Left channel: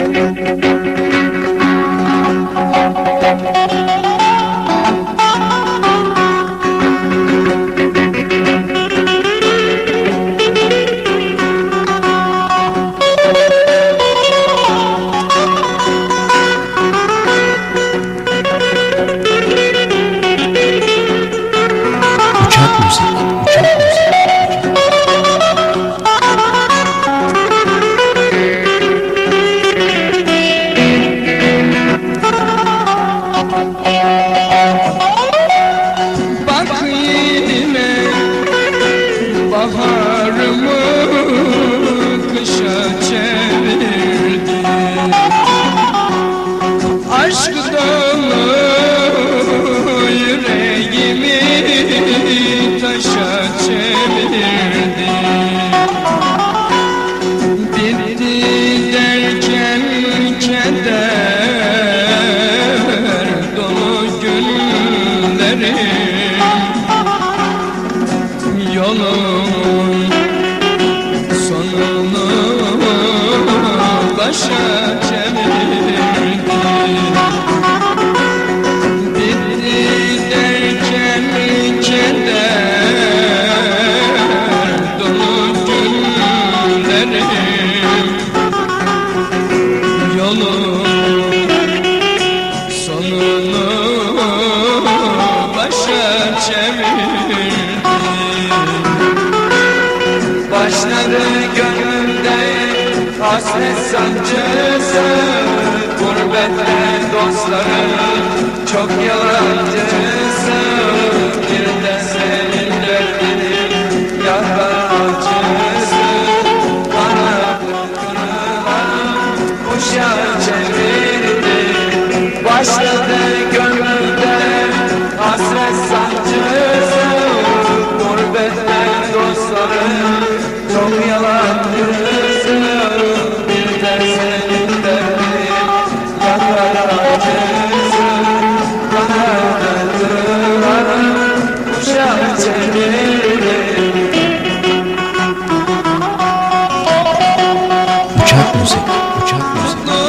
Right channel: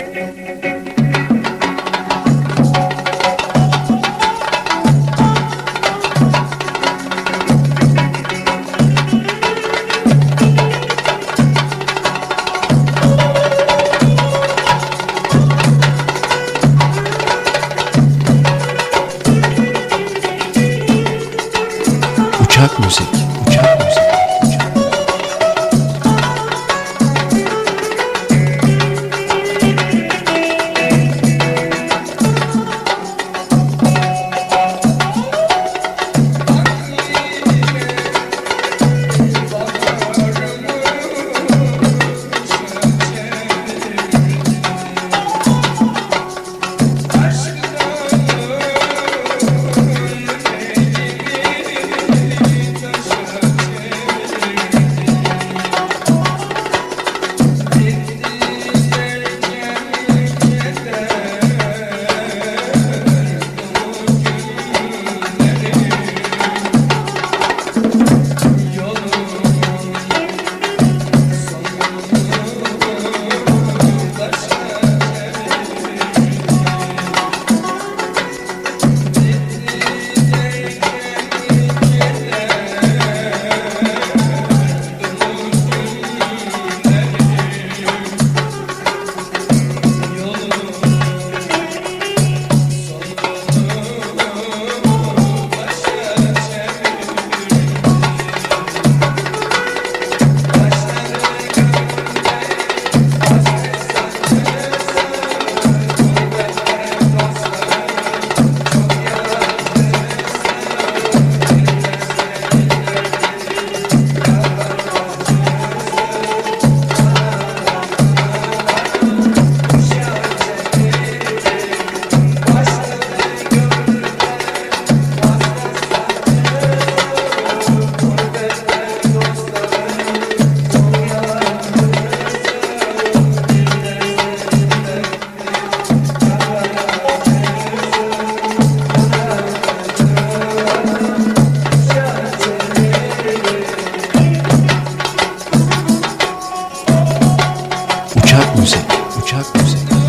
Uçak müzik, uçak müzik, Uçak müzik, uçak müzik.